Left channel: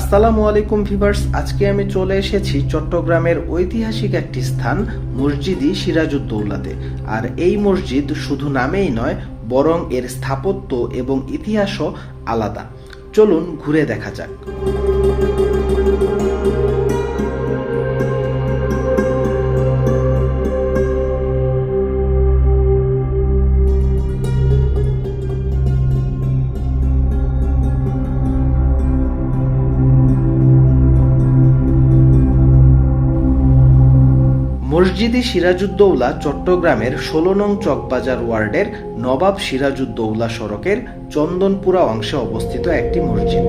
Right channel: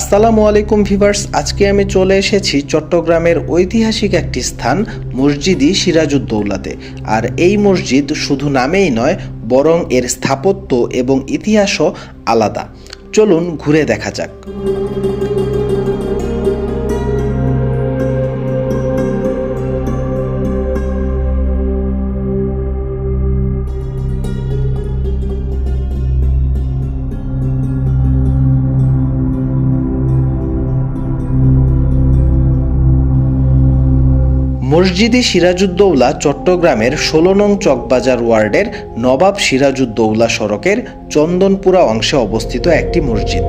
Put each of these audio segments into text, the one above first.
আসসালামু আলাইকুম ভিউয়ার্স, আজকে আমি চলে এসেছি চট্টগ্রামের ঐতিহাসিক একটি স্থান মসজিদি সিরাজউদ্দৌলাতে। আর এই মসজিদ শুধু নামেই নয়, বরং এর স্থাপত্য এবং ইতিহাসও আলাদা। চলুন ঘুরে দেখা যাক। মসজিদি সিরাজউদ্দৌলা চট্টগ্রামের ১৬ নং চকবাজার ওয়ার্ডের নবাব সিরাজউদ্দৌলা সড়কের চন্দনপুরা অংশে অবস্থিত একটি মসজিদ।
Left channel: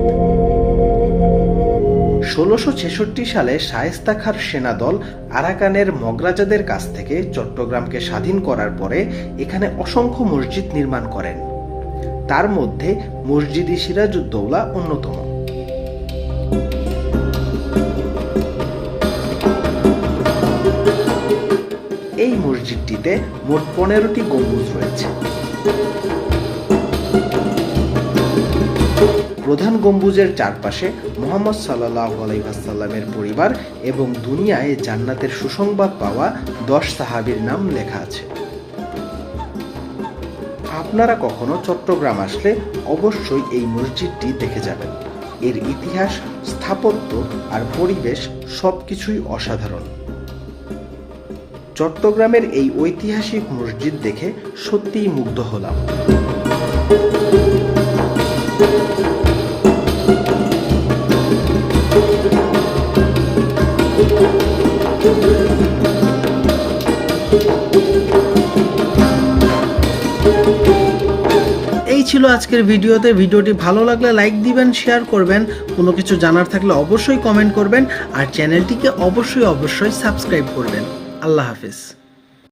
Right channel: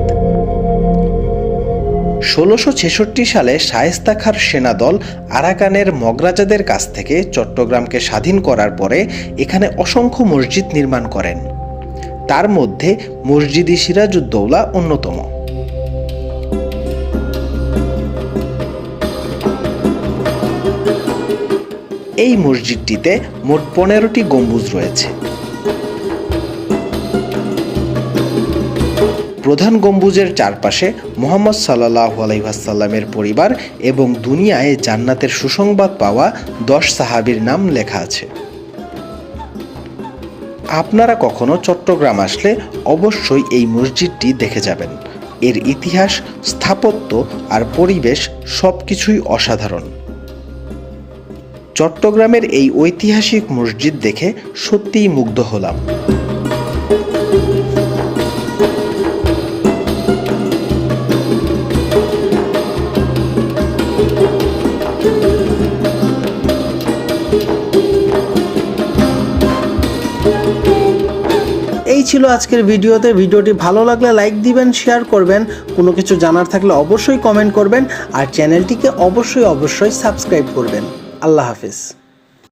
১৬৬৬ সালে শায়েস্তা খাঁর সেনাদল আরাকানের মগরাজাদের কাছ থেকে চট্টগ্রামকে স্বাধীন করার পরে এখানে অসংখ্য মসজিদ নির্মাণ করেন। তার মধ্যে মসজিদি সিরাজউদ্দৌলা অন্যতম। এই মসজিদটিতে মোট ১৫টি গম্বুজ রয়েছে। প্রধান গম্বুজের চারপাশে মুহাম্মদ সাল্লাল্লাহু আলাইহি ওয়াসাল্লামের পরিবার এবং দুনিয়ায় জান্নাতের সুসংবাদ পাওয়া ১০ সাহাবীর নাম লেখা আছে। আপনারা কখনো চট্টগ্রাম আসলে অবশ্যই এই মসজিদটি দেখে যাবেন। এর ইতিহাস, স্থাপত্য আর পরিবেশ সবকিছুই অসাধারণ। চট্টগ্রামের এই ঐতিহাসিক মসজিদ দেখে সত্যিই মুগ্ধ হলাম। এই ছিল আজকের ভিডিওটি ভালো লাগলে লাইক দিবেন, শেয়ার করবেন, কোনো কিছু জানার থাকলে অবশ্যই কমেন্ট করবেন আর চ্যানেলটিকে অবশ্যই সাবস্ক্রাইব করবেন। আল্লাহ হাফেজ।